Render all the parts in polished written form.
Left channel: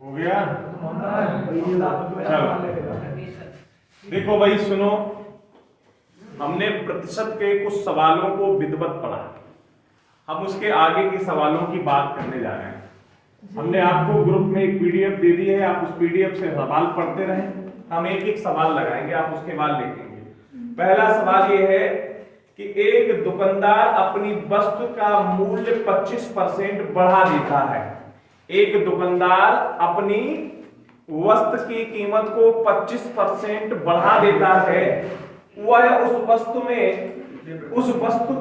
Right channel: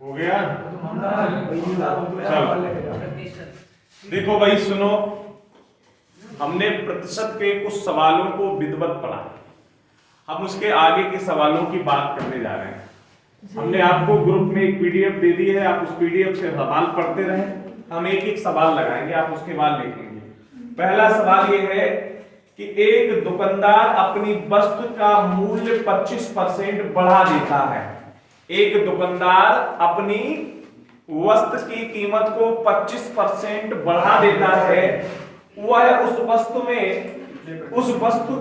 हो गया। चलो देखो भाई सुनो, हमने प्रतिशत के कुछ सवालों को विधिवत पढ़ा, हम उसके आगे के सवालों की बात करने जा रहे हैं। हमने आपको ग्रुप में एक पीडीएफ दे दी है, आप उस पीडीएफ से सवाल पढ़ते रहें, हम एक एक सवाल लगाएंगे, आप उसके बाद लिखेंगे। पहला सवाल ये है कि एक दुकानदार अपनी वस्तु का मूल्य 25% बढ़ा देता है। एक दुकानदार अपनी वस्तु की कीमत को 25% बढ़ा देता है। वह उस वस्तु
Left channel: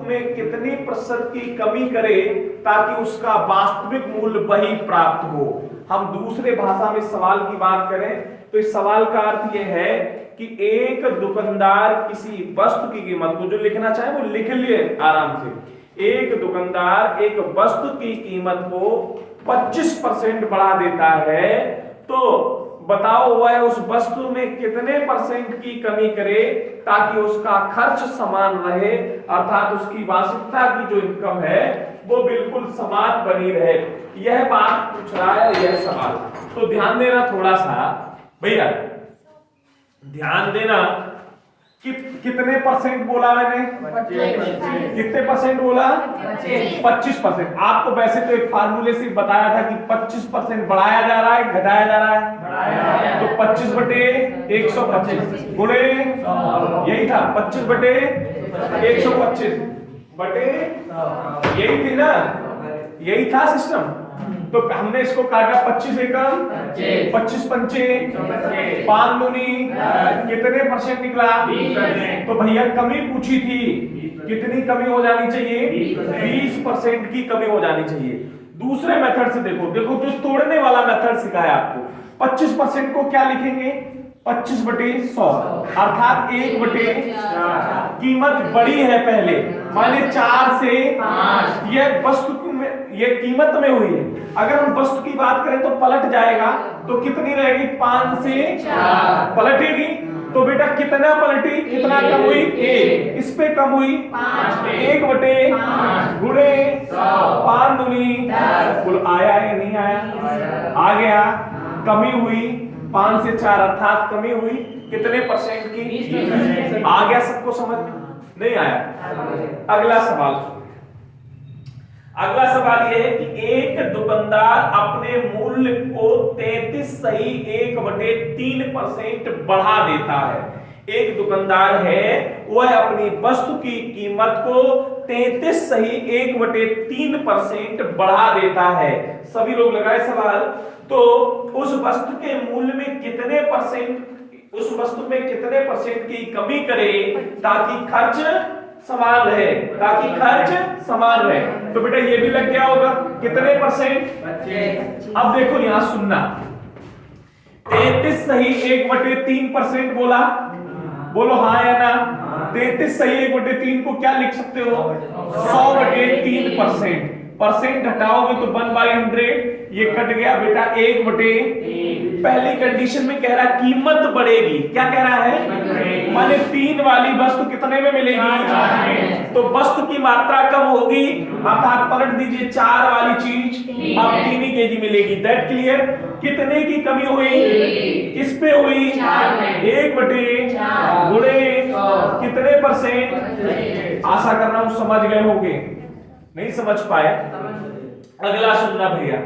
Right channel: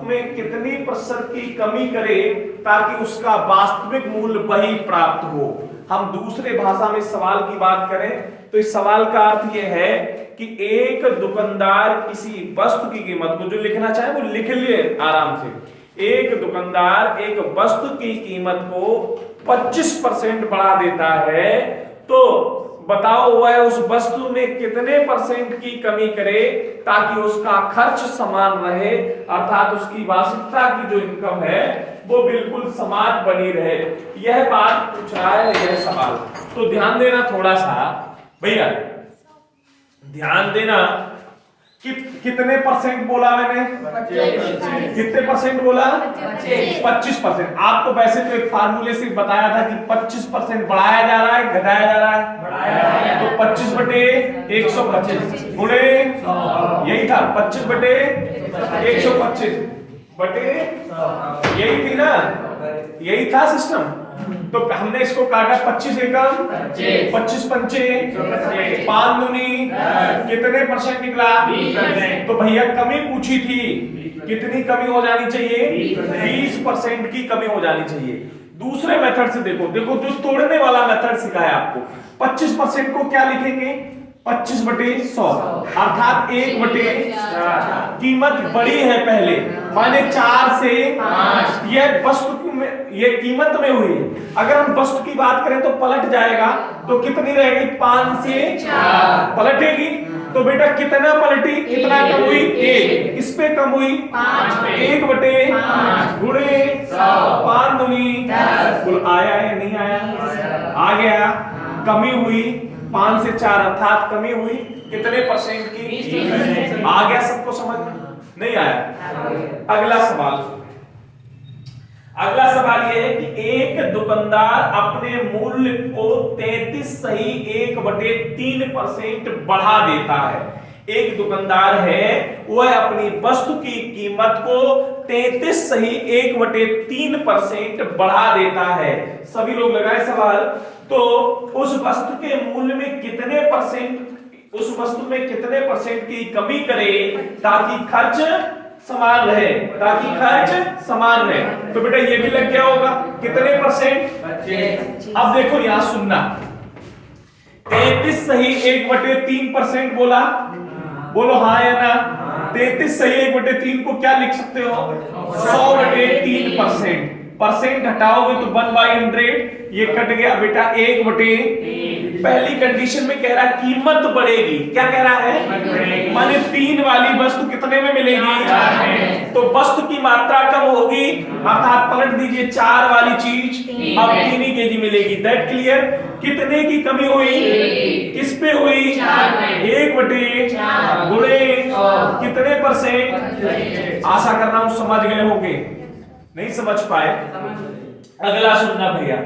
में कितनी प्रतिशत की कमी करे ताकि उसका वास्तविक मूल्य वही प्राप्त हो। हम दूसरे भाषा में सवाल की बात करें तो इस सवाल का अर्थ यह है कि एक दुकानदार किसी वस्तु की कीमत को, जो लिखना चाहे वो लिख लिए आराम से, एक दुकानदार एक वस्तु की कीमत को 25% बढ़ा देता है, तो बताओ वह उस वस्तु में कितने परसेंट की कमी करे ताकि उसका खर्च समान रहे, अर्थात उसकी वार्षिकता की जो इनकम है वो बिल्कुल समान बनी रहे। यह बात पूछ रहा है यह सवाल। तो ध्यान देना थोड़ा सा भैया, ध्यान देना कि कितने परसेंट बोला मैंने, कितने परसेंट बोला, 25%। आपको वैसे तो एक फार्मूले से बताया था कि 25% बढ़ाया जा रहा है घटाया जा रहा है, तो 25 बटे 125 गुणे, यही था 25 बटे 125 बटे, यही थी ना, यही था सिस्टम। तो हमने इसको काटा 25 एकम 25 पंचे 5 दूनी कितने परसेंट निकला, तो भैया कमी पूछी थी, कितनी कमी हो जानी चाहिए, 20% की कमी हो जानी चाहिए। दूसरे मेथड से देखो, देखो जो तोड़ने वाला मेथड सिखाया आपको, 25% को क्या लिखेंगे, 25 बटे 100, अर्थात 1 बटे कीमत बड़ी है पहले, माने 4 से 5, यह वस्तु में, ये कीमत में हुई है। अगर हम वस्तु की बात करें तो पलट जाएगा, तो कितनी रहेगी, 5 से 4 पलटेगी। तो बेटा कितना पलटी, कितना कम हुई, 1, किस पे कम हुई, 1 बटे गुणे 5 दूनी 10, कुल आया या नहीं आया, आ गया। कमी हुई 5 से 4, अर्थात कमी हुई कितने परसेंट की, 20%। आ गया सबको समझ में, नहीं आया। अगला सवाल, अगला सवाल यह है कि एक दुकानदार अपने मूल्य को 33 सही 1/3% बढ़ा देता है। एक दुकानदार है, वह अपनी वस्तु की कीमत को 33 सही 1/3% बढ़ा देता है। सभी लोग लगाए सवाल। तो उस वस्तु के मूल्य में कितने परसेंट, उस वस्तु में कितने परसेंट की कमी करे ताकि खर्च समान रहे, ताकि खर्च समान रहे। तो बेटा ये भी लग गया होगा, कितने परसेंट, 25। अब देखो यहां सुनना, 33 सही 1/3% बोला, बोलो हाँ या ना। 33 सही 1/3 को क्या लिख सकते हो, 100/3%। परसेंट हटाओगे तो 1/100, ये कट गया बेटा 1/3। पहली कंडीशन में कह रहा कीमत बढ़ेगी, क्या कह रहा है, माने 3 वाली वस्तु कितने में मिलेगी, तो वस्तु की मात्रा कम होगी, अर्थात पलट दीजिए 4 वाली चीज अब 3 ही केजी मिलेगी। That clear. कितने की कमी हुई, किस पे हुई, 1/4 गुणे कितने परसेंट। आशा कर रहा हूं समझ गए होंगे, नहीं समझ पाए। अगला सुनना भैया,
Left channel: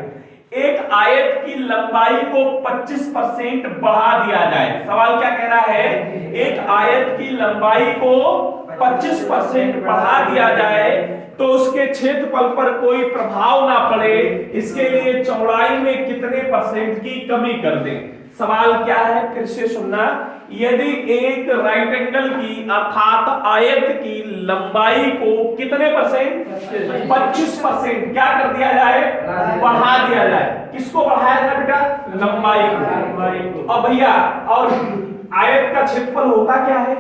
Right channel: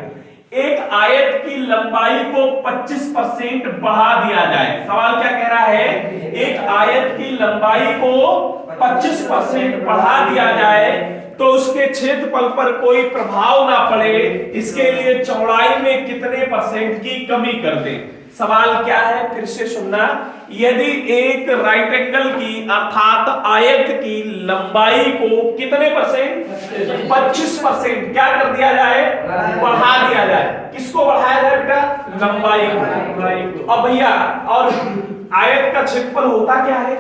एक आयत की लंबाई को 25% बढ़ा दिया जाए। सवाल क्या कह रहा है, एक आयत की लंबाई को 25% बढ़ा दिया जाए तो उसके क्षेत्रफल पर कोई प्रभाव ना पड़े, इसके लिए चौड़ाई में कितने परसेंट की कमी कर दें। सवाल क्या है, फिर से सुनना। यदि एक राइट एंगल की अर्थात आयत की लंबाई को कितने परसेंट, 25% क्या कर दिया जाए, बढ़ा दिया जाए। किसको बढ़ाया जाए बेटा, लंबाई को। अब भैया और आयत का क्षेत्रफल होता क्या है,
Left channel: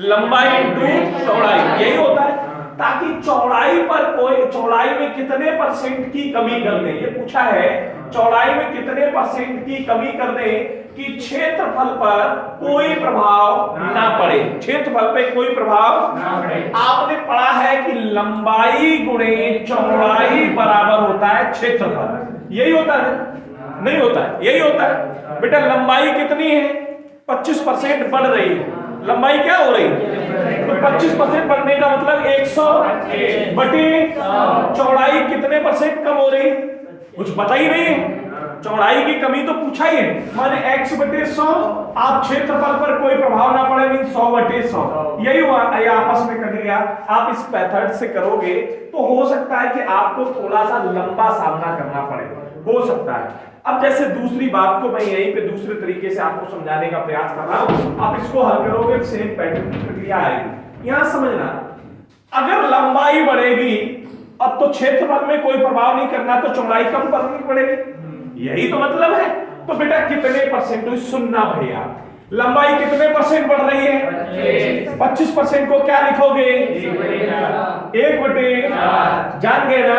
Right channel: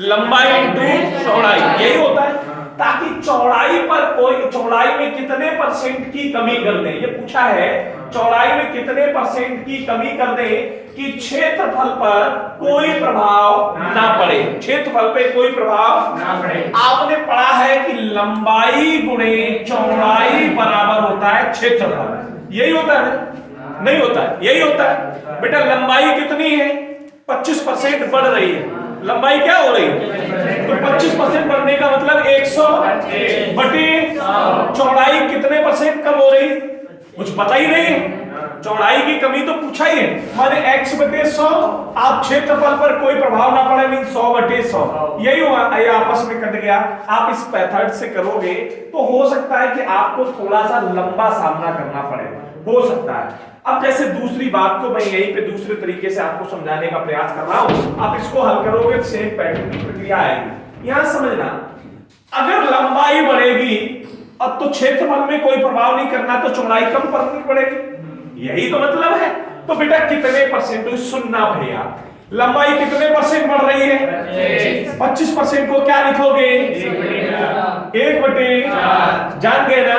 लंबाई इंटू चौड़ाई, यही होता है। ताकि चौड़ाई पर कोई, चौड़ाई में कितने परसेंट की कमी कर दें, ये पूछा है, चौड़ाई में कितने परसेंट की कमी कर दें कि क्षेत्रफल पर कोई प्रभाव ना पड़े, क्षेत्रफल पे कोई प्रभाव ना पड़े। आपने पढ़ा है कि लंबाई गुणे चौड़ाई बराबर होता है क्षेत्रफल। यही होता है, नहीं होता है, यही होता है बेटा। लंबाई कितनी है? 25% बढ़ रही है, लंबाई क्या हो रही है? तो 25% बढ़ने का मतलब 100 बटे चौड़ाई कितने परसेंट कम हो रही? कुछ पता ही नहीं है, चौड़ाई की कमी तो पूछा ही है, माने x बटे 100। आप क्षेत्रफल पर कोई प्रभाव ना पड़े, मीन 100 बटे 100, यही हुआ, ये आपस में कट गया। आप इस मेथड से करोगे तो हो सकता है कि आपको थोड़ा सा लंबा सामना करना पड़े, हो सकता है। अब जैसे दूसरी बात को मैं यहीं पे दूसरे तरीके से आपको समझाने का प्रयास कर रहा हूं, आप इसको हल करोगे सेम पैटर्न की प्रक्रिया आएगी। यहां समझना, अगर लंबाई बढ़ेगी अब तो क्षेत्रफल में कोई प्रभाव नहीं करना, तो चौड़ाई कम करनी पड़ेगी, यही तो मतलब है। तो बेटा कितने परसेंट? सुनना भैया, लंबाई कितने परसेंट बढ़ रही है? 25% को क्या लिखोगे? 1 बटे, जान गए ना,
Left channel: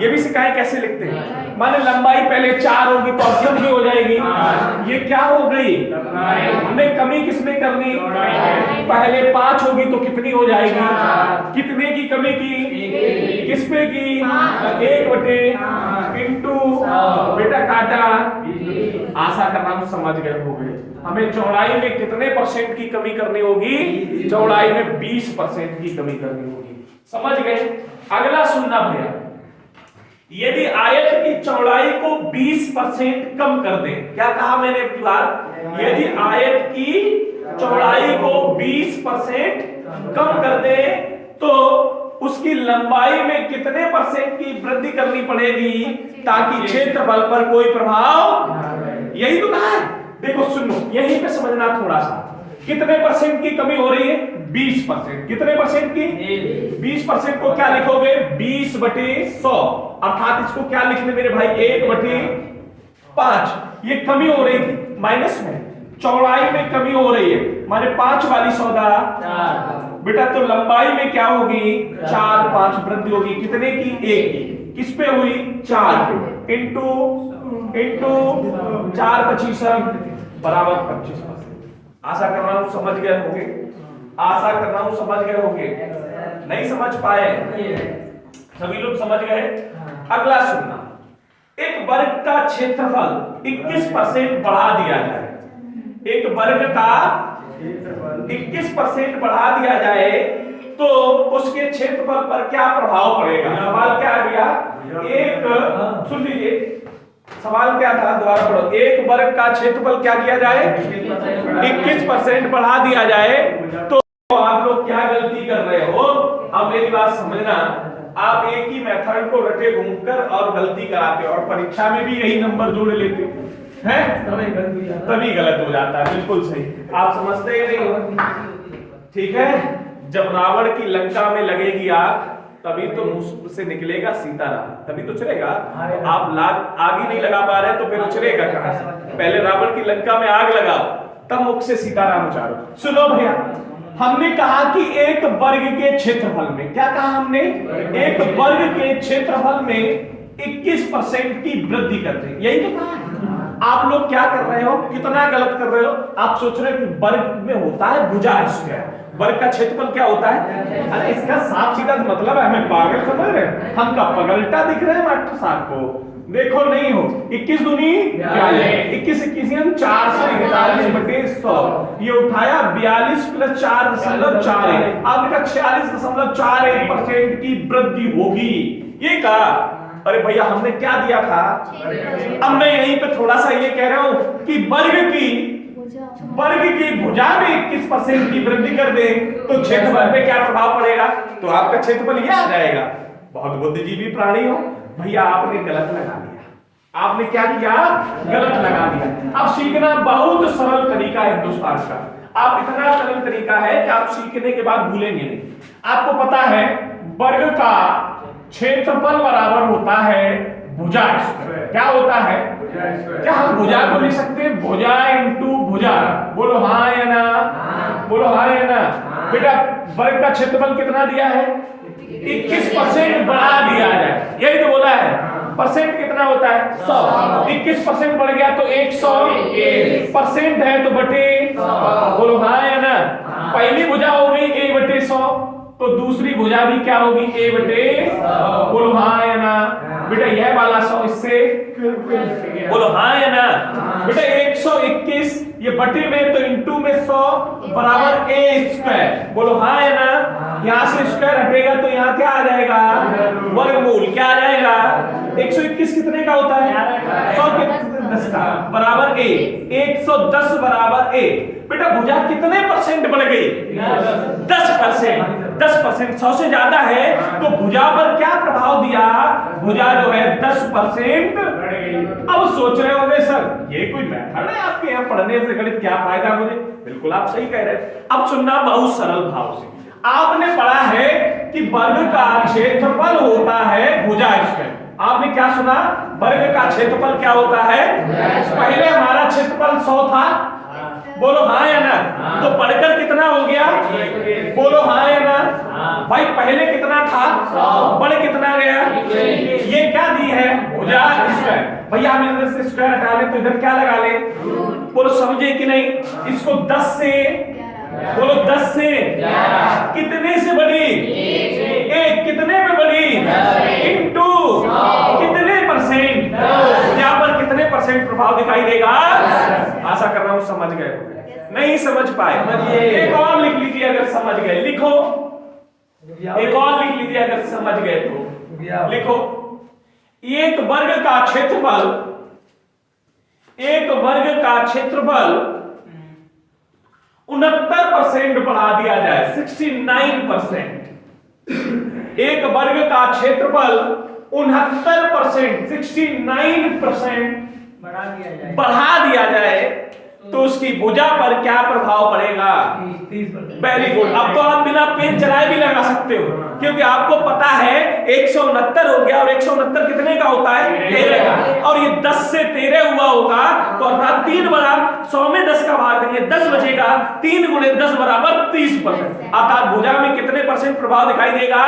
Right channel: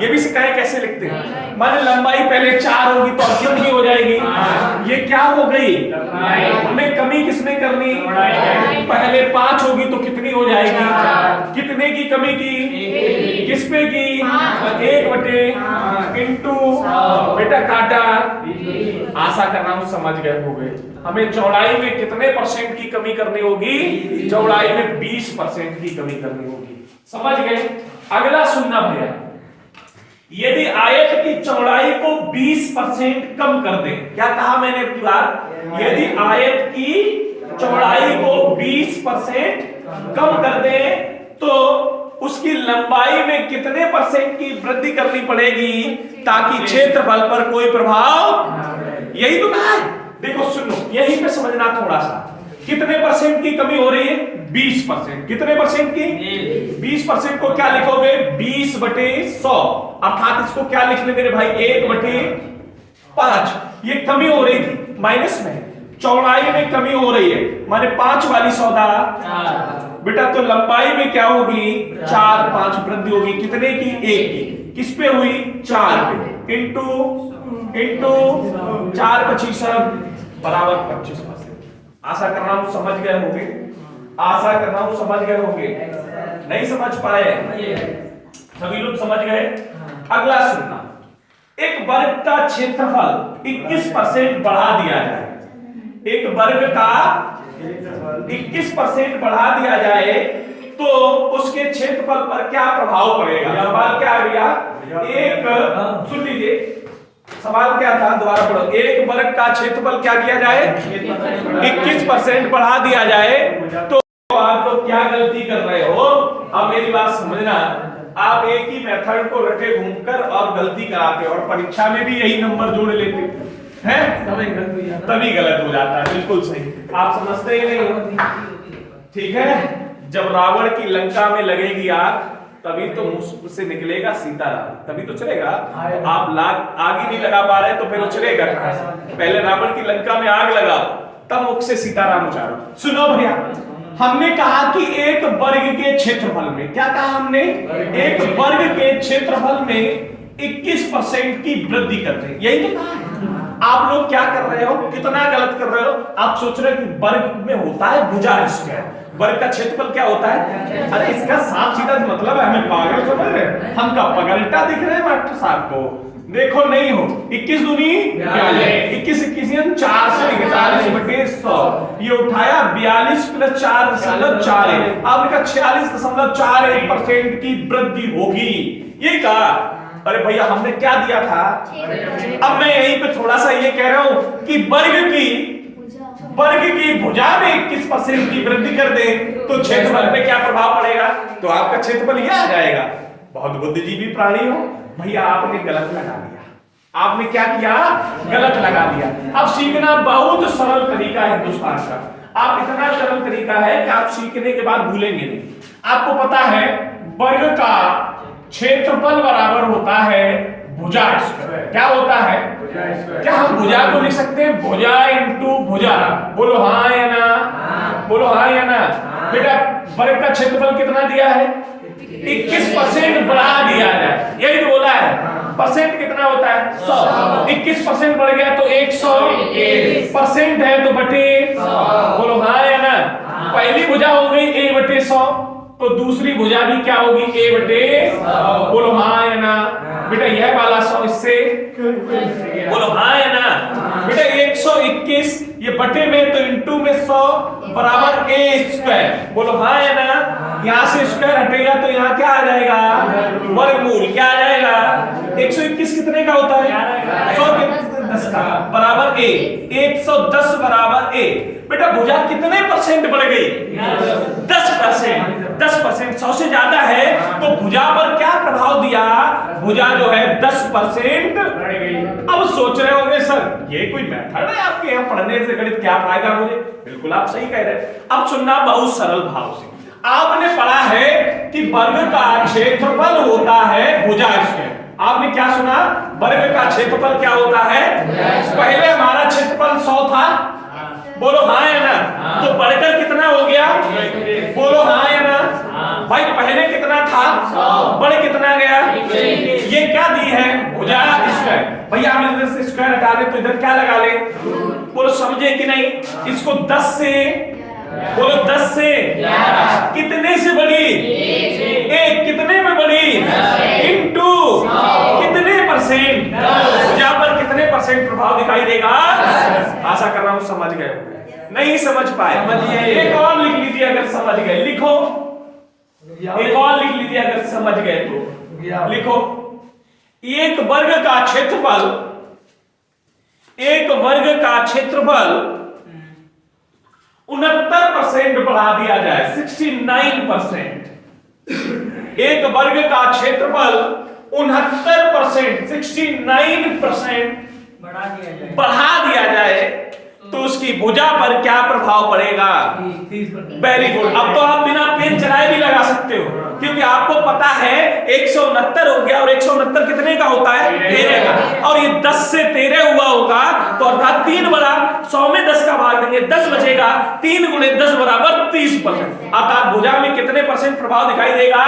ये भी सिखाए कैसे लिखते हैं। माने लंबाई पहले 4 होगी तो अब कितनी हो जाएगी? ये क्या हो गई? हमें कमी किसमें करनी? पहले 5 होगी तो कितनी हो जाएगी? कितने की कमी की? किस पे की? 1 बटे इंटू बेटा काटा, आशा कर रहा हूं समझ गए होंगे। हमें चौड़ाई में कितने परसेंट की कमी करनी होगी? चौड़ाई में 20% की कमी करनी होगी, समझ गए। अगला सुनना भैया, यदि आयत की चौड़ाई को 20% कम कर दे, क्या कहा मैंने एक बार? यदि आयत की चौड़ाई को 20% कम कर दे तो उसकी लंबाई में कितने परसेंट की वृद्धि करनी पड़ेगी ताकि क्षेत्रफल पर कोई प्रभाव? यही तो कहा है। देखो सुनो, यहीं पे समझना थोड़ा सा, कितने परसेंट की कमी हो रही है? 20%। कितने परसेंट की? 20% को क्या लिखोगे? 20 बटे 100, अर्थात इसको क्या लिखने मेरे भाई? 1 बटे 5। ये कमी हो रही थी माइनस में, चौड़ाई में कमी हो रही है, माने 5 वाली 100 बेटा, तो लंबाई में क्या होगी? 4 5 वृद्धि होगी, कितने की? 1 की। किस पे हुई? 4 पे, इंटू 4 25 बराबर 25%। आशा कर रहा हूं समझ गए होंगे, आशा कर रहा हूं समझ गए होंगे। नहीं समझ पाए? सभी लोग समझ गए? अगला सुनना, एक वर्ग का क्षेत्रफल 21% बढ़ा दिया जाए, एक वर्ग का 21% बढ़ा दिया जाए तो उसके क्षेत्रफल पर क्या प्रभाव पड़ेगा? सवाल क्या है भैया? एक, सुन लीजिए सवाल क्या था, दोबारा पढ़ो। एक वर्ग का क्षेत्रफल क्या किया जाए? 21% बढ़ा दिया जाए तो आप लोग क्या गलती कर रहे हो? अब मेरी बात समझना, आप एक ही मेथड को रटे घूमकर और गलती कराते हो, और परीक्षा में भी यही नंबर जोड़ लेते हैं, तभी गलत हो जाता है। बिल्कुल सही, आप समझते ही नहीं। ठीक है, जब रावण की लंका में लगेगी आग तभी तो मुंह से निकलेगा सीताराम, तभी तो चलेगा। आप आग ही नहीं लगा पा रहे तो फिर चलेगा कहां से? पहले रावण की लंका में आग लगाओ तब मुख से सीताराम उचारो। सुनो भैया, हमने कहा कि एक वर्ग के क्षेत्रफल में, क्या कहा हमने? एक वर्ग के क्षेत्रफल में 21% की वृद्धि करते हैं, यही तो कहा है। आप लोग क्या कर रहे हो? कितना गलत कर रहे हो? आप सोच रहे हो कि वर्ग में होता है भुजा, इसका वर्ग का क्षेत्रफल क्या होता है? अरे इसका साफ सीधा मतलब है, हमें पागल समझ रहे हैं? हम का पगलटा दिख रहे हैं मास्टर साहब को? देखो नहीं हो, 21 दूनी 42, 21 21 441 बटे 100, ये उठाया 42 प्लस 4.41, आपने कहा 46.41% की वृद्धि होगी, ये कहा। अरे भैया हमने क्या दिया था? अब मैं यहीं पे थोड़ा सा ये कह रहा हूं कि वर्ग की भुजा में 21% की वृद्धि कर दे तो क्षेत्रफल पे क्या प्रभाव पड़ेगा? तो आपका क्षेत्रफल ये आ जाएगा। बहुत बुद्धिजीवी प्राणी हो भैया, आपने गलत लगा दिया। आपने क्या किया? गलत लगा दिया। अब सीखना बहुत सरल तरीका है हिंदुस्तान का, आप इतना सरल तरीका है कि आप सीखने के बाद भूलेंगे नहीं। आपको पता है वर्ग का क्षेत्रफल बराबर होता है भुजा स्क्वायर। क्या होता है? क्या हम भुजा को लिख सकते हैं? भुजा इंटू भुजा। बोलो हाँ या ना? बोलो हाँ या ना? बेटा वर्ग का क्षेत्रफल कितना दिया है? 21% बढ़ा दिया जाए, यही तो बोला है। परसेंट कितना होता है? 100। 21% बढ़ गया तो 100% है तो बटे, बोलो हाँ या ना? पहली भुजा हो गई a बटे 100, तो दूसरी भुजा भी क्या होगी? a बटे, बोलो हाँ या ना? बेटा यह वाला 100 इससे बोलो हाँ या ना। बेटा 121 ये बटे में तो इंटू में 100 बराबर a स्क्वायर, बोलो हाँ या ना। यहाँ से स्क्वायर हटेगा तो यहाँ क्या आ जाएगा, वर्गमूल। क्या आ जाएगा, 121 कितने का होता है, 100 के 10 का बराबर a, 110 बराबर a। बेटा भुजा कितने परसेंट बढ़ गई, 10%। 10% 100 से ज्यादा है तो भुजा पर क्या प्रभाव दिया, भुजा जो है 10% बढ़ गई। अब सोच रहे होंगे सर ये कोई मेथड है आपके यहाँ पढ़ने से गणित, क्या फायदा मुझे। बिल्कुल आप सही कह रहे हैं। अब सुनना बहुत सरल भाव से, आपने पढ़ा है कि वर्ग का क्षेत्रफल होता है भुजा स्क्वायर। आपने क्या सुना, वर्ग का क्षेत्रफल क्या होता है। पहले हमारा क्षेत्रफल 100 था, बोलो हाँ या ना। तो बढ़कर कितना हो गया, बोलो हाँ या ना। भाई पहले कितना था, बढ़ कितना गया, ये क्या दी है, भुजा स्क्वायर। भैया हम इधर से स्क्वायर हटा ले तो इधर क्या लगा ले, बोलो समझे कि नहीं। इसको 10 से, बोलो 10 से कितने से बढ़ी, एक कितने में बढ़ी, इनटू कितने परसेंट, यहाँ पर कितने परसेंट प्रभाव दिखाई देगा। आशा कर रहा हूं समझ गए हो। नहीं समझ पाए एक और लिख लीजिए अगर समझ गए, लिखो एक और लिख लीजिए अगर समझ गए तो लिखो। एक वर्ग का क्षेत्रफल, एक वर्ग का क्षेत्रफल 69% बढ़ा दिया जाए, 69%। एक वर्ग का क्षेत्रफल 69%, 69% बढ़ा दिया जाए तो उसकी भुजा पर क्या प्रभाव पड़ेगा, 30%। गुड। अब तो आप बिना पेन चलाए भी लगा सकते हो, क्योंकि आपको पता है 169 हो गया और 169 कितने का होता है, 13 का। और ये 10 से 13 हुआ होगा तो अर्थात 3 बड़ा 100 में 10 का भाग देंगे, 10 बचेगा, 3 गुणे 10 बराबर 30%। अर्थात भुजा में कितने परसेंट प्रभाव दिखाई देगा।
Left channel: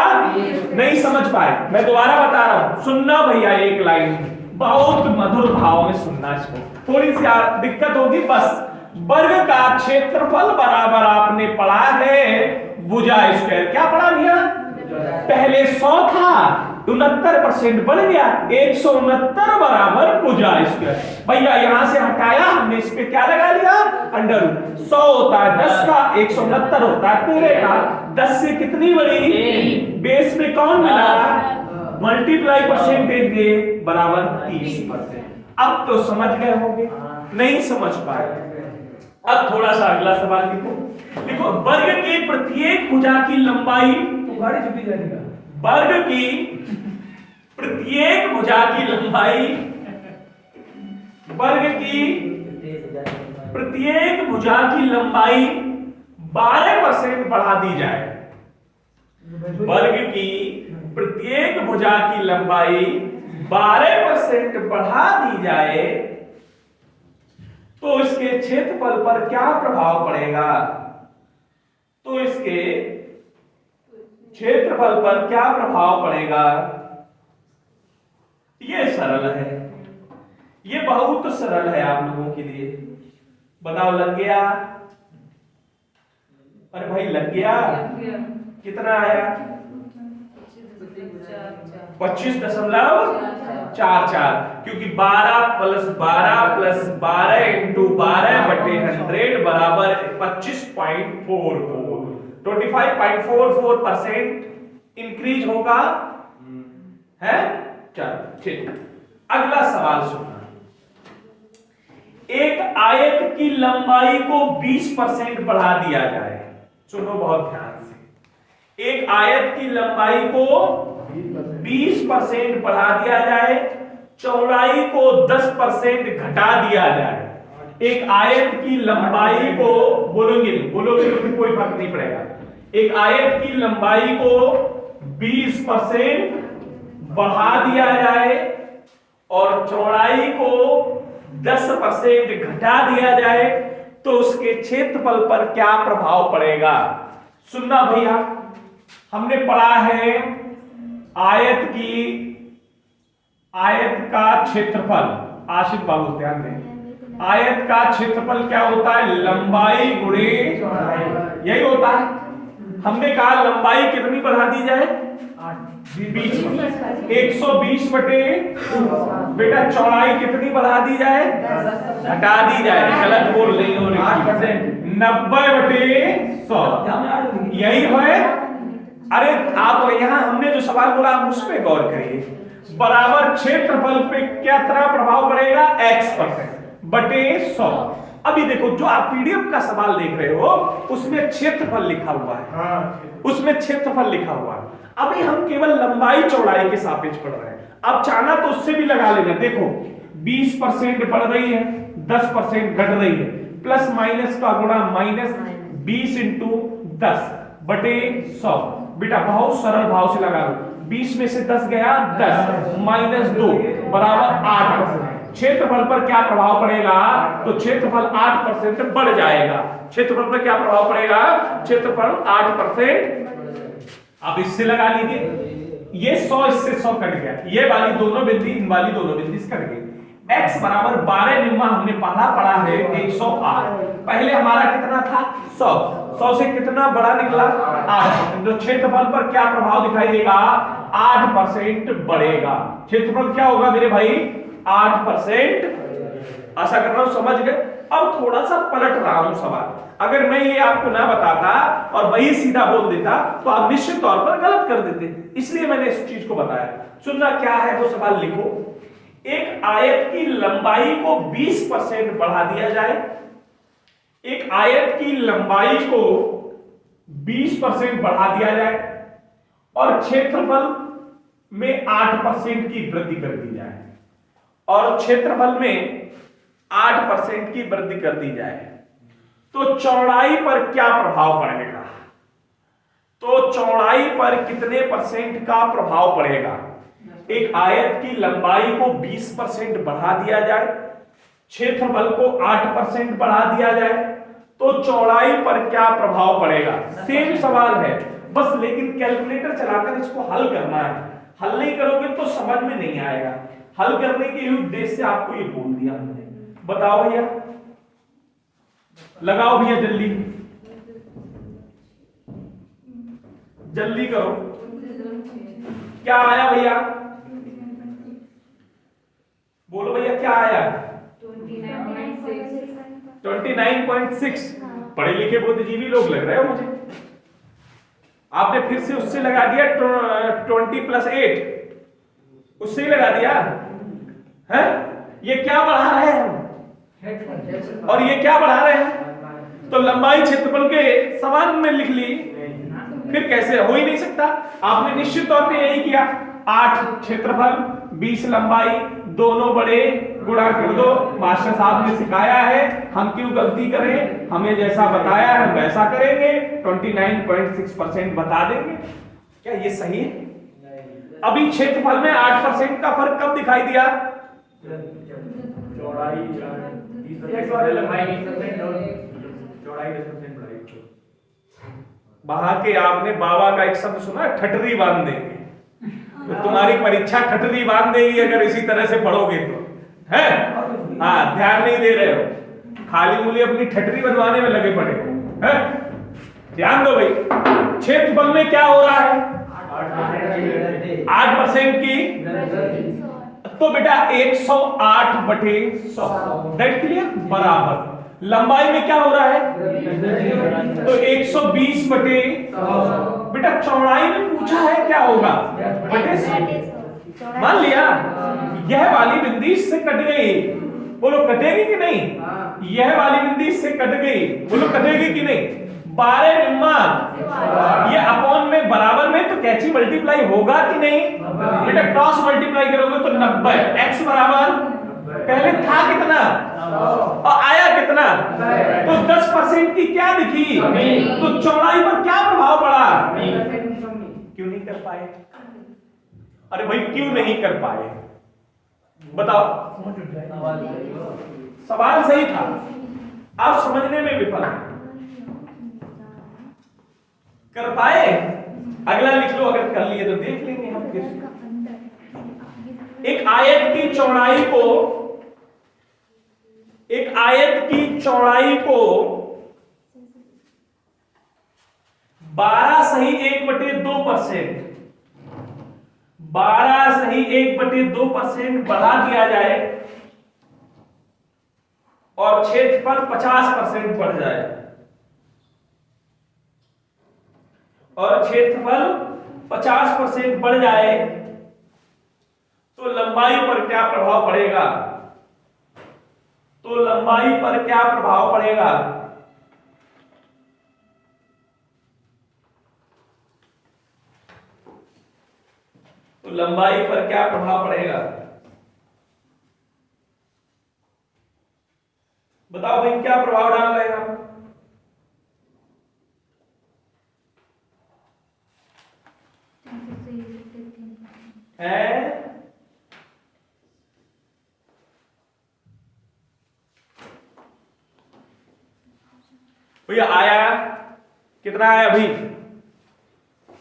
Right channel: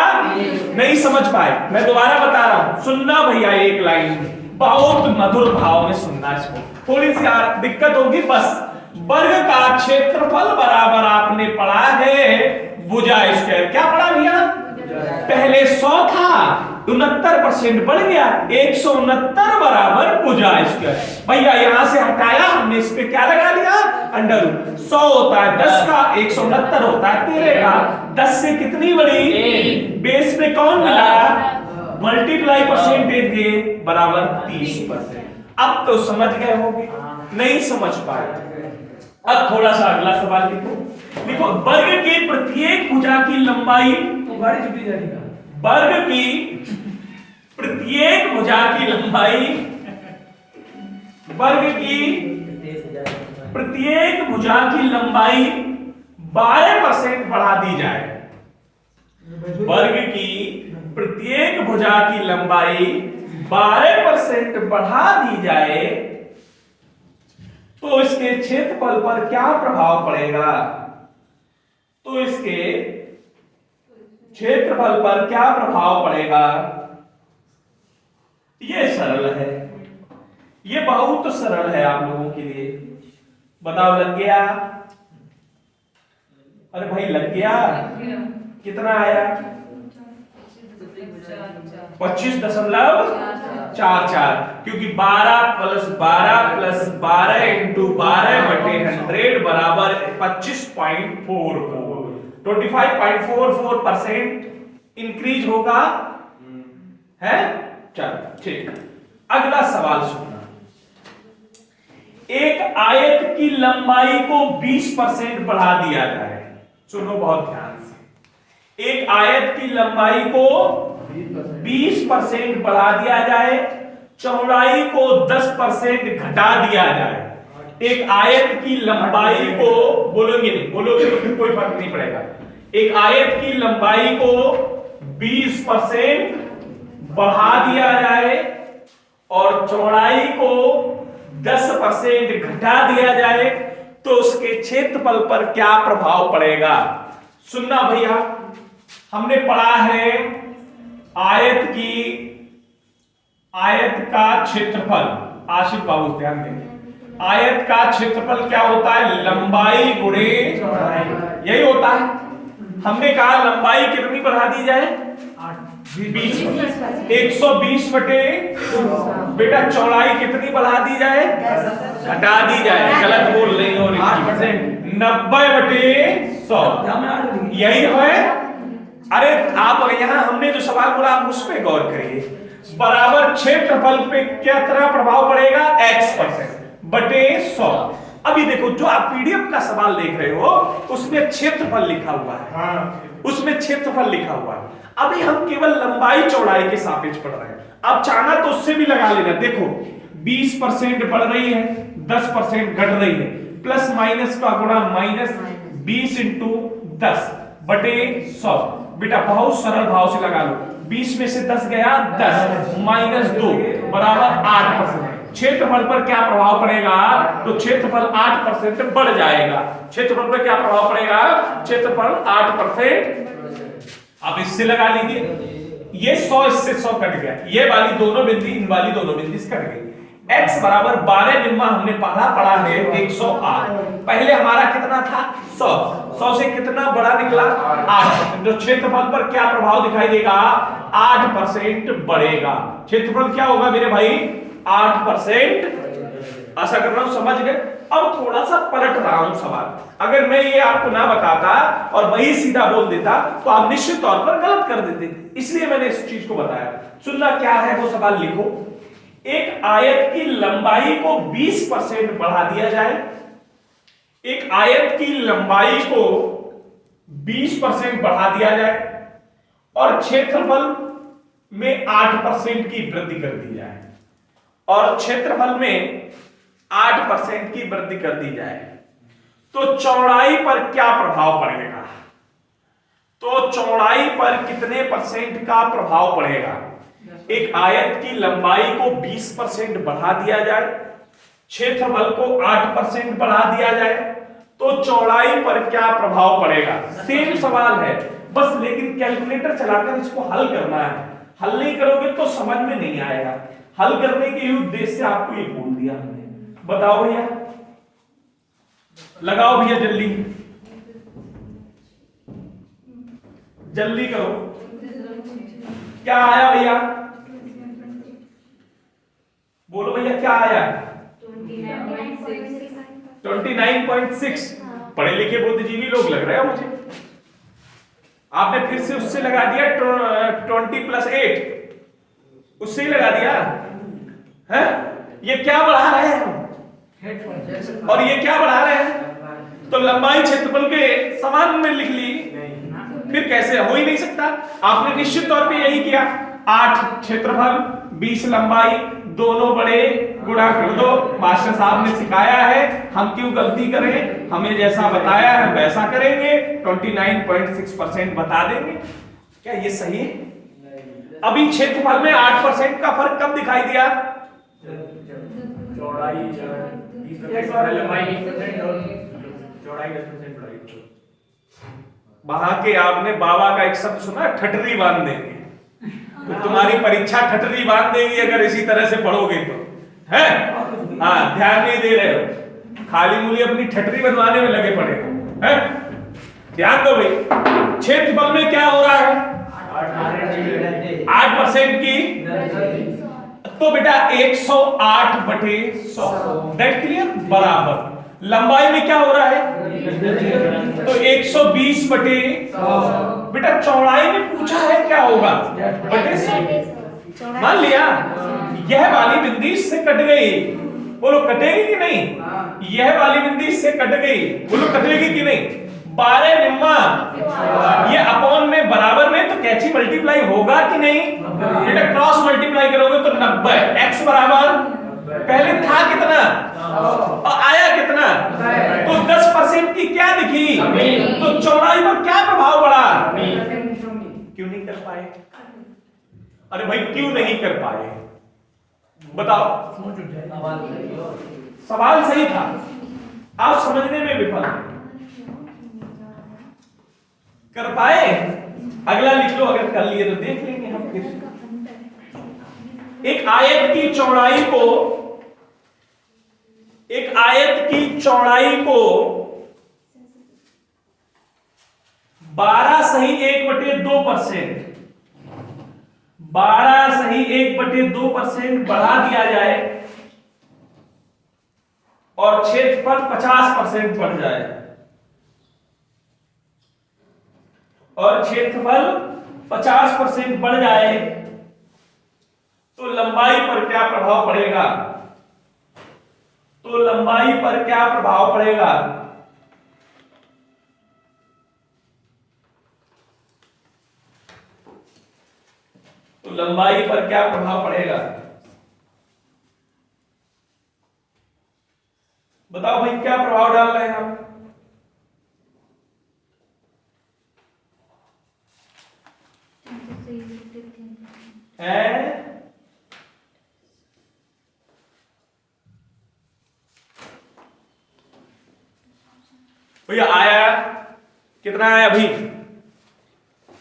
नहीं समझ पाए, मैं दोबारा बता रहा हूं, सुनना भैया एक लाइन बहुत मधुर भाव में सुनना। इसको थोड़ी सी दिक्कत होगी बस। वर्ग का क्षेत्रफल बराबर आपने पढ़ा है भुजा स्क्वायर। क्या पढ़ा भैया, पहले 100 था 69% बढ़ गया, 169 बराबर भुजा स्क्वायर। भैया यहां से हटाया हमने, इस पे क्या लगा लिया, अंडर रूट। 100 होता है 10 का, 169 होता है 13 का। 10 से कितनी बड़ी, बेस में कौन मिला, मल्टीप्लाई परसेंटेज दे बराबर 30%। अब तो समझ गए होंगे, नहीं समझ पाए। अब थोड़ा सा अगला सवाल लिखो। देखो वर्ग के प्रत्येक भुजा की लंबाई, वर्ग की प्रत्येक भुजा की लंबाई, वर्ग की प्रत्येक भुजा की लंबाई 12% बढ़ा दी जाए। वर्ग की प्रत्येक भुजा की लंबाई 12% बढ़ा दी जाए तो इसके क्षेत्रफल पर क्या प्रभाव पड़ेगा, तो इसके क्षेत्रफल पर क्या प्रभाव पड़ेगा। ये सरल है, ये बहुत सरल है आप लोगों के लिए। बताओ लग गया, अरे भाई लग गया, कितना आया, 25.44, क्योंकि 12 प्लस 12 इंटू 12 बटे 100 बराबर 25.44, 25.44% इंक्रीज होगा है। चलो ठीक, अगला सवाल सुनना। एक आयत की लंबाई को 20% बढ़ा दिया जाए। सुनो बहुत ध्यान से, एक आयत की लंबाई को 20% बढ़ा दिया जाए, चौड़ाई को 10% घटा दिया जाए। एक आयत की लंबाई को, बोलोगे नहीं, बोलोगे तो फिर कोई फर्क नहीं पड़ेगा। एक आयत की लंबाई को 20% बढ़ा दिया जाए और चौड़ाई को 10% घटा दिया जाए तो उसके क्षेत्रफल पर क्या प्रभाव पड़ेगा। सुनना भैया, हमने पढ़ा है आयत का क्षेत्रफल, आशिफ बाबू ध्यान दें, आयत का क्षेत्रफल क्या होता है, लंबाई गुणे चौड़ाई, यही होता है। हमने कहा लंबाई कितनी बढ़ा दी जाए, 20, 120 बटे बेटा चौड़ाई कितनी बढ़ा दी जाए, घटा दी जाए, गलत बोल रही हो, 90 बटे 100, यही है। अरे आप यहाँ हमने जो सवाल बोला आप उस पर गौर करिए। बराबर क्षेत्रफल पे क्या तरह प्रभाव पड़ेगा, x% बटे 100। अभी देखो जो आप पीडीएफ का सवाल देख रहे हो उसमें क्षेत्रफल लिखा हुआ है, उसमें क्षेत्रफल लिखा हुआ है। अभी हम केवल लंबाई चौड़ाई के सापेक्ष पढ़ रहे हैं। आप चाहना तो उससे भी लगा लेना। देखो 20% बढ़ रही है, 10% घट रही है, प्लस माइनस का गुणा माइनस 20 इंटू 10 बटे 100। बेटा बहुत सरल भाव से लगा लो, 20 में से 10 गया 10 माइनस 2 बराबर 8%। क्षेत्रफल पर क्या प्रभाव पड़ेगा, तो क्षेत्रफल 8% बढ़ जाएगा। क्षेत्रफल पर क्या प्रभाव पड़ेगा, क्षेत्रफल 8%। आप इससे लगा लीजिए, ये 100 इससे 100 कट गया, ये वाली दोनों बिंदी इन वाली दोनों बिंदी कट गई। x बराबर 12 निम्मा हमने पहला पढ़ा है 108, पहले हमारा कितना था 100, 100 से कितना बड़ा निकला 8%। जो क्षेत्रफल पर क्या प्रभाव दिखाई देगा, 8% बढ़ेगा। क्षेत्रफल क्या होगा मेरे भाई, 8%। आशा कर रहा हूं समझ गए। अब थोड़ा सा पलट रहा हूं सवाल, अगर मैं ये आपको ना बताता और वही सीधा बोल देता तो आप निश्चित तौर पर गलत कर देते, इसलिए मैंने इस चीज को बताया। सुनना क्या है वो सवाल लिखो। एक आयत की लंबाई को 20% बढ़ा दिया जाए, एक आयत की लंबाई को 20% बढ़ा दिया जाए और क्षेत्रफल में 8% की वृद्धि कर दी जाए, और क्षेत्रफल में 8% की वृद्धि कर दी जाए, तो चौड़ाई पर क्या प्रभाव पड़ेगा, तो चौड़ाई पर कितने % का प्रभाव पड़ेगा। एक आयत की लंबाई को 20% बढ़ा दिया जाए, क्षेत्रफल को 8% बढ़ा दिया जाए, तो चौड़ाई पर क्या प्रभाव पड़ेगा। सेम सवाल है बस, लेकिन कैलकुलेटर चलाकर इसको हल करना है। हल नहीं करोगे तो समझ में नहीं आएगा। हल करने के उद्देश्य से आपको ये बोल दिया हमने। बताओ भैया, लगाओ भैया, जल्दी जल्दी करो। क्या आया भैया, बोलो भैया क्या आया, 29.6। पढ़े लिखे बुद्धिजीवी लोग लग रहे हो मुझे। आपने फिर से उससे लगा दिया 20 + 8, उससे ही लगा दिया है। ये क्या बढ़ा रहे हैं हम, और ये क्या बढ़ा रहे हैं, तो लंबाई क्षेत्रफल के समान में लिख ली, फिर कैसे, हो ही नहीं सकता। आपने निश्चित तौर पे यही किया, 8 क्षेत्रफल 20 लंबाई दोनों बड़े गुणा कर दो। मास्टर साहब ने सिखाया है, हम क्यों गलती करें, हमें जैसा बताया है हम वैसा करेंगे, 29.6% बता देंगे। क्या ये सही है। अभी क्षेत्रफल में 8% का फर्क कब दिखाई दिया, चौड़ाई बढ़ा के। आपने बाबा का एक शब्द सुना, ठटरी बांध देंगे, तो तुम्हारी परीक्षा ठटरी बांध देगी अगर इसी तरह से पढ़ोगे तो, है। हाँ, ध्यान नहीं दे रहे हो, खाली मूली अपनी ठटरी बनवाने में लगे पड़े हो, है। ध्यान दो भाई, क्षेत्रफल में क्या हो रहा है, 8% की, तो बेटा 108 बटे 100, दैट क्लियर, बराबर। लंबाई में क्या हो रहा है, तो 120 बटे, बेटा चौड़ाई में पूछा है क्या होगा, बटे 100। मान लिया यह वाली बिंदी इससे कट गई, बोलो कटेगी कि नहीं, यह वाली बिंदी इससे कट गई, बोलो कटेगी कि नहीं। 12 निम्मा ये अपॉन में बराबर में, तो कैची मल्टीप्लाई होगा कि नहीं, बेटा क्रॉस मल्टीप्लाई करोगे तो 90। x बराबर पहले था कितना और आया कितना, तो 10% की क्या दिखी, तो चौड़ाई पर क्या प्रभाव पड़ा, क्यों नहीं कर पाए। अरे भाई क्यों नहीं कर पाए बताओ, सवाल सही था, आप समझने में विफल कर पाए। अगला लिख लो, अगर कर लिए तो देख लेंगे हम फिर। एक आयत की चौड़ाई को, एक आयत की चौड़ाई को 12 सही 1/2% 12(1/2% बढ़ा दिया जाए और क्षेत्रफल 50% बढ़ जाए, और क्षेत्रफल 50% बढ़ जाए तो लंबाई पर क्या प्रभाव पड़ेगा? तो लंबाई पर क्या प्रभाव पड़ेगा? तो लंबाई पर क्या प्रभाव पड़ेगा? बताओ भाई, क्या प्रभाव डाल रहे हैं हम? भैया आया कितना आया भाई?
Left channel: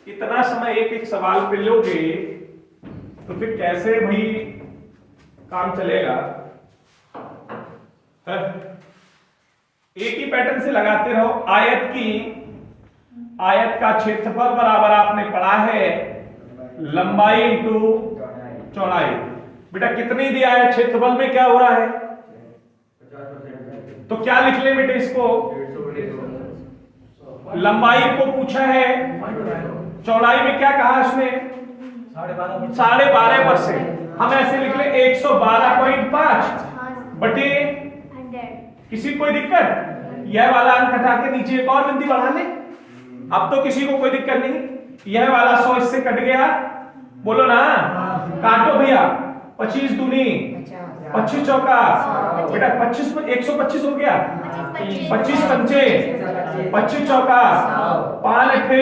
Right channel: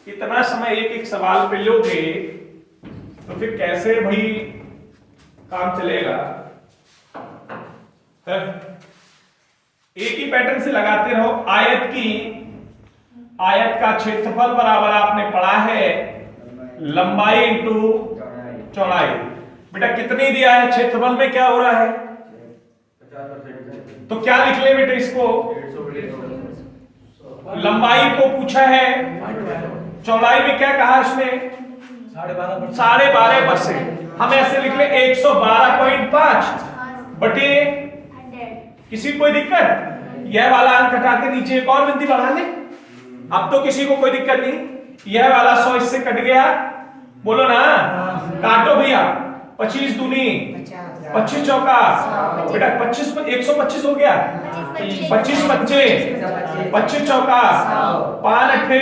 कितना समय एक एक सवाल पे लोगे तो फिर कैसे भाई काम चलेगा? है? एक ही पैटर्न से लगाते रहो। आयत का क्षेत्रफल बराबर आपने पढ़ा है लंबाई इंटू चौड़ाई। बेटा कितनी दिया है क्षेत्रफल में, क्या हो रहा है? तो क्या लिख ले बेटे इसको? लंबाई को पूछा है, चौड़ाई में क्या कहा इसने? 12.5%। हम ऐसे लिख ले 112.5 बटे, किसी कोई दिक्कत? यह वाला अंक हटा के नीचे एक और बिंदी बढ़ा ले, अब तो किसी को कोई दिक्कत नहीं। यह वाला 100 इससे कट गया, बोलो ना, काटो भैया। 25 दूनी 25 चौका, बेटा 25 125 हो गया। 25 पंचे 25 चौका, 5 अट्ठे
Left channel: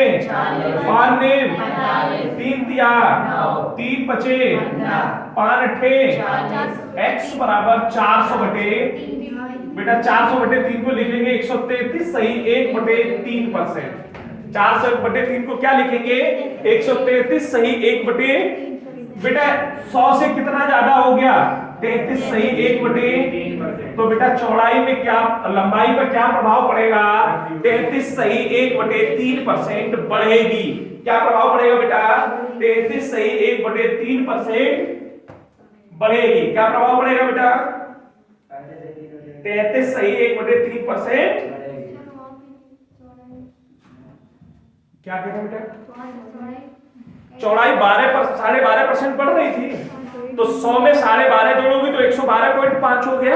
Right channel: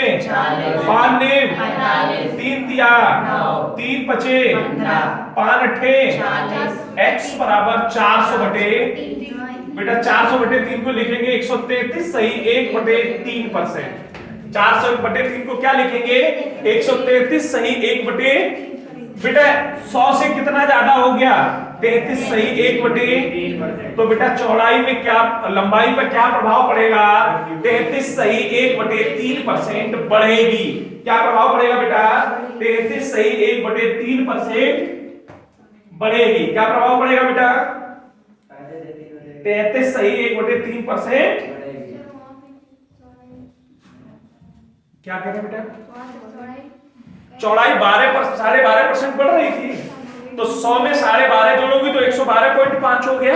5 नेम 3 तिया 3 पचे 5 अट्ठे x बराबर 400 बटे, बेटा 400 बटे 3 को लिखेंगे 133, सही 1/3%। 400 बटे 3 को क्या लिखेंगे? 133, सही 1/, बेटा 100 से कितना ज्यादा हो गया? 33, सही 1/। तो बेटा चौड़ाई में क्या, लंबाई पर क्या प्रभाव पड़ेगा? 33, सही 1/3% बढ़ेगी। क्या प्रभाव पड़ेगा बेटा? 33, सही 1/3% बढ़ेगी। क्या प्रभाव पड़ेगा बेटा? 33, सही 1/3%। क्या कहता बेटा? चौड़ाई 12.5% बढ़ रही थी, तो 100 में 12.5 जोड़ोगे तो 112.5 हो गया।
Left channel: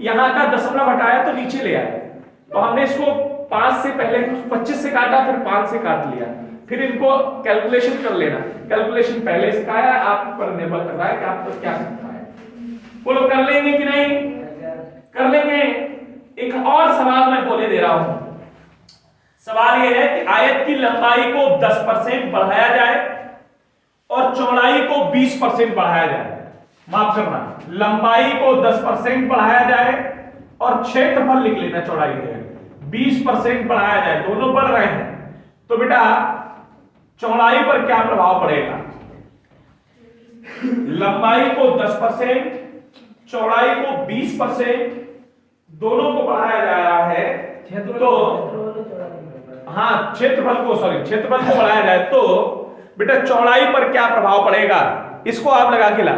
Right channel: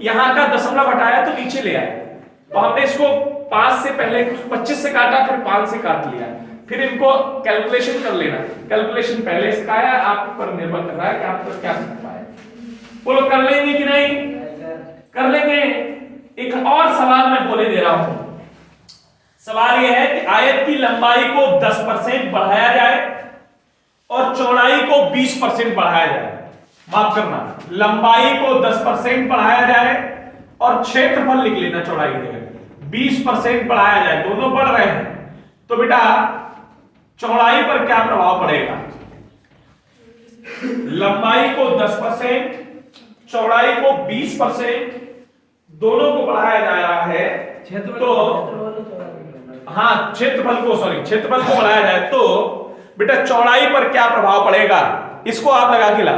यहां का दशमलव हटाया तो नीचे ले आया, तो हमने इसको 5 से पहले 25 से काटा, फिर 5 से काट लिया, फिर इनको कैलकुलेशन कर लेना। कैलकुलेशन पहले सिखाया, आप पर निर्भर कर रहा है कि आपको क्या सिखाया है। बोलो कर लेंगे कि नहीं? कर लेंगे। एक और सवाल मैं बोले दे रहा हूं। सवाल यह है कि आयत की लंबाई को 10% बढ़ाया जाए और चौड़ाई को 20% बढ़ाया जाए। माफ करना, लंबाई को 10% बढ़ाया जाए और क्षेत्रफल लिख लेना चौड़ाई के 20% बढ़ाया जाए, दोनों बढ़ रहे हैं। तो बेटा चौड़ाई पर क्या प्रभाव पड़ेगा? लंबाई को 10%, चौड़ाई को 20%, दोनों को बढ़ाया जा रहा है, तो हाँ क्षेत्रफल को बढ़ाया जाए तो बेटा चौड़ाई पर क्या प्रभाव पड़ेगा? इसको आप लगा के ला।